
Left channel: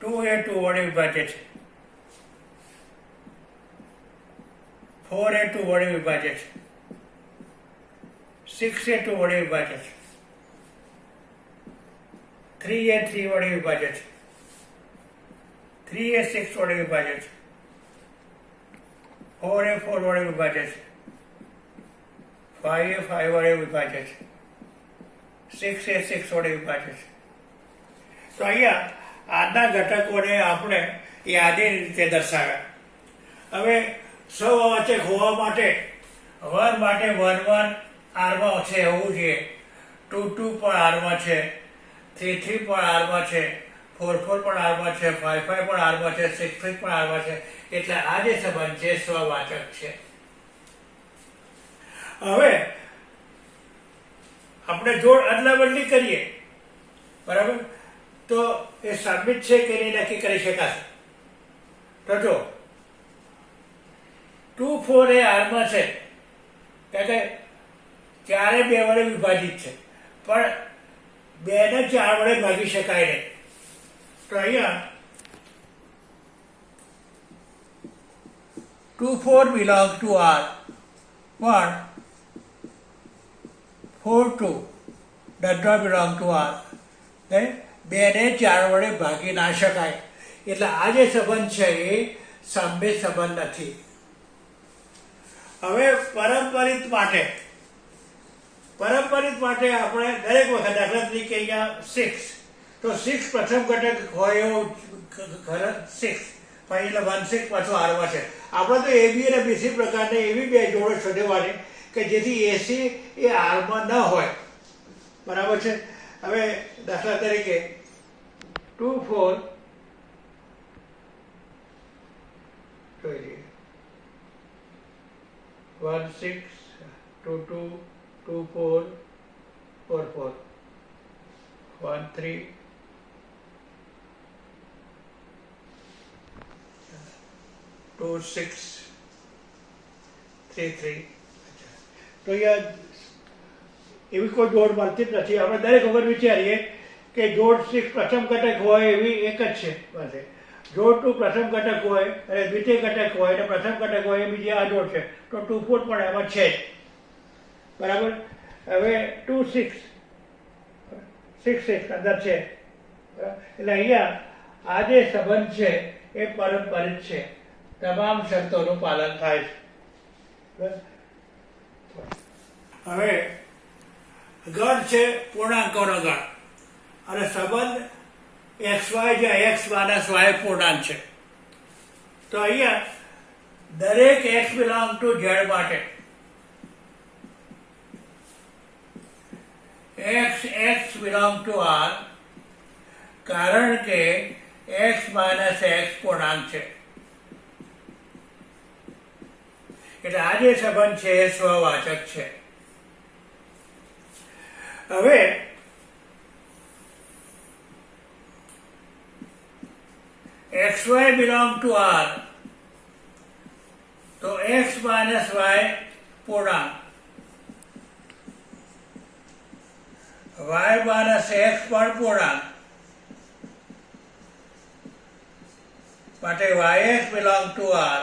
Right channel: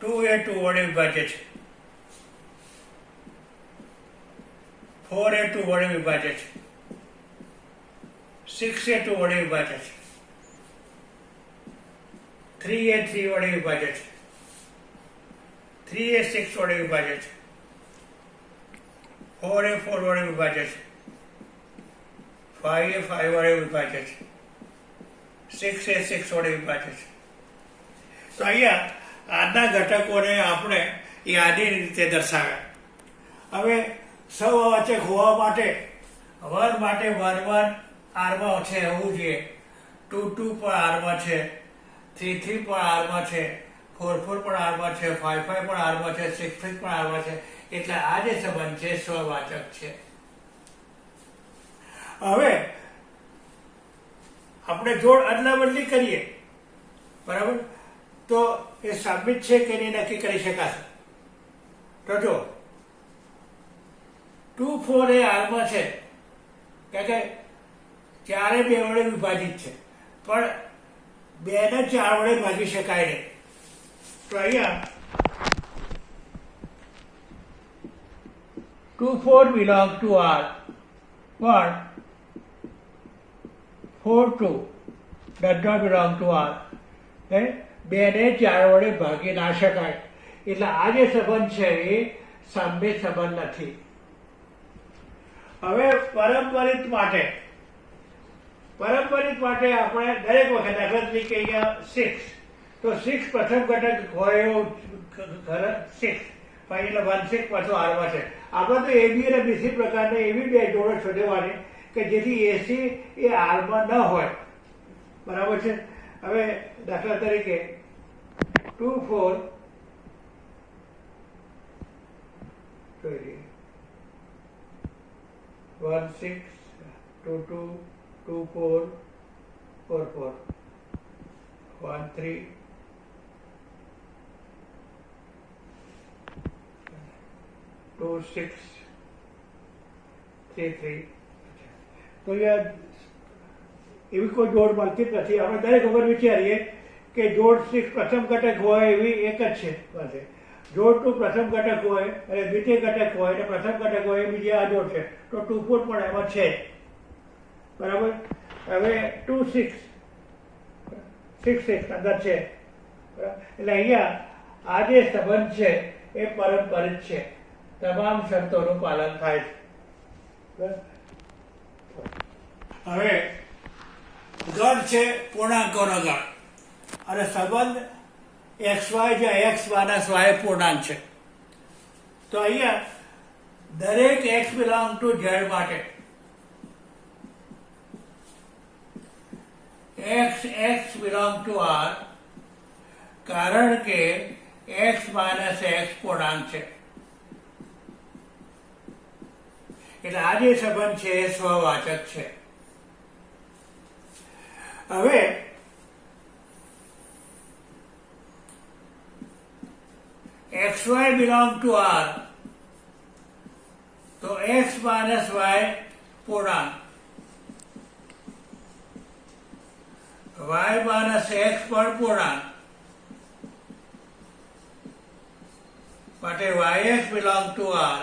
ટુ એ 2 વડે વિભાજ્ય છે, 4 એ 2 વડે વિભાજ્ય છે, 6 એ 2 વડે વિભાજ્ય છે, 3 એ 3 વડે વિભાજ્ય છે, 3 એ 6 વડે વિભાજ્ય છે, 4 એ 4 વડે વિભાજ્ય છે, 5 એ 5 વડે વિભાજ્ય છે, 6 એ 6 વડે વિભાજ્ય છે. તો અહીંયા આના ઘટકોને આપણે યાદીની રીતે દર્શાવ્યા. હવે સહવાચક હોવા માટે 1 માટે 1 1 આરમાં છે એવું છે, 2 2 પણ આરમાં છે, 3 3 પણ આરમાં છે, 4 4 પણ આરમાં છે, 5 5 પણ આરમાં છે, 6 6 પણ આરમાં છે. એટલે આ જે સંબંધ છે સ્વવાચક છે. હવે આપણે જોડ અદલા બદલી કરીએ, બરાબર, તો એ સાબિત છે કે નહીં નક્કી કરી શકાશે. તો જો 2 4 એ આરમાં છે, કારણ કે 4 એ 2 વડે વિભાજિત છે, પણ 2 ને 4 વડે ભાગી શકાય નહીં. તો અહીંયા 2 4 belong to R, but 4 2 does not belong to R. 2 ને 4 વડે ભાગી ના શકાય. એટલે આ જે સંબંધ છે એ સામ્ય સંબંધ નથી. હવે પારંપરિક માટે આપણે દરેક વખત દાખલા તરીકે અહીંયા 6, તો 6 પ્રથમ ઘટક હોય એવો 6, પછી એટલે 1 6 પાછો આરમાં છે. આપણે તો AB અને BC પ્રકારની એવી બે જોડો શોધવાની કે જેથી AC એ આરમાં ન હોય. બરાબર છે? હવે દાખલા તરીકે 2 4 1 6 2 2 2 4 4 4 1 3 2 6 3 3. તો અહીંયા એવી કોઈ જોડ મળતી જ નથી. આપણે દરેક વખત વિચારીએ કે જોડ 6 પ્રથમ ઘટક હોય એવી એક જ છે પાસે. જોડ 2 પ્રથમ ઘટક હોય અને દ્વિતીય ઘટક હોય અને પ્રથમ ઘટક હોય એ બીજી આ જોડ છે. તો 2 4 પણ એમાં છે જ. બરાબર? હવે 2 6 6 6 અંદર છે. બરાબર? એટલે અહીંયા આ જે સંબંધ છે એ પારંપરિક છે. તમામ શરતોનું પાલન થાય છે. હવે ગણ છે પૂર્ણાંકોનો ગણ અને સંબંધ XY જ્યાં X માઇનસ Y પૂર્ણાંક છે. તો અહીંયા દરેક X બિલોંગ ટુ Z માટે X બિલોંગ ટુ R, કારણ કે X માઇનસ X પૂર્ણાંક છે એટલે આ જે સંબંધ છે એ સ્વવાચક છે. હવે XY બિલોંગ ટુ R, તો X માઇનસ Y પૂર્ણાંક, Y માઇનસ X પણ પૂર્ણાંક માટે YX બિલોંગ ટુ R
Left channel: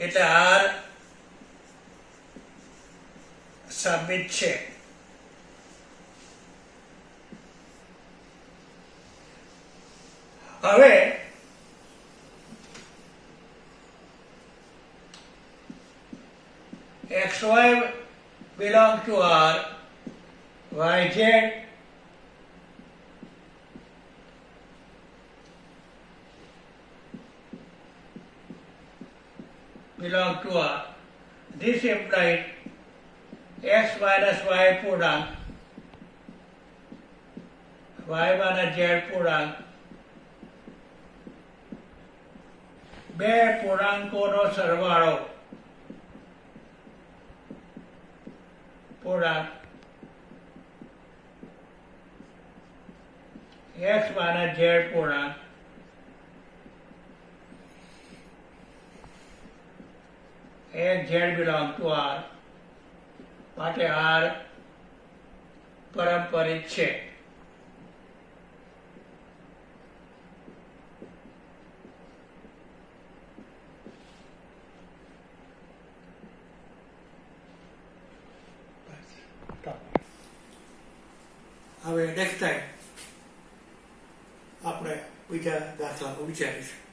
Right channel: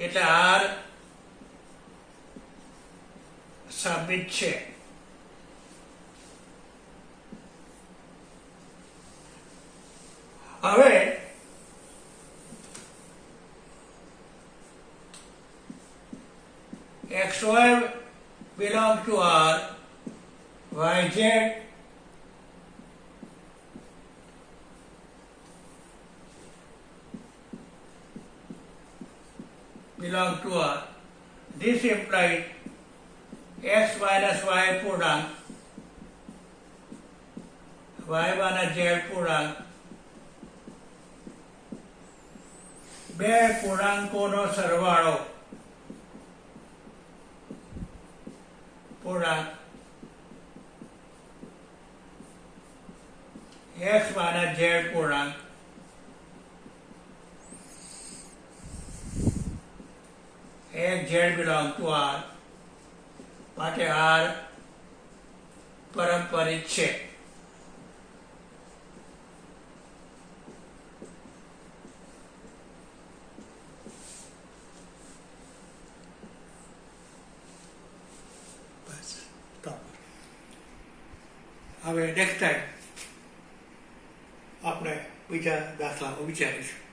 એટલે R સાબિત છે. હવે XY belong to R, YZ belong to R. This implies X minus Y પૂર્ણાંક, Y minus Z પૂર્ણાંક બે પૂર્ણાંકોનો સરવાળો પૂર્ણાંક X minus Z પૂર્ણાંક Z belong to R માટે R પારંપરિક છે. હવે નેક્સ્ટ ટાઈમ આપણે બીજા દાખલાઓ વિચારીશું.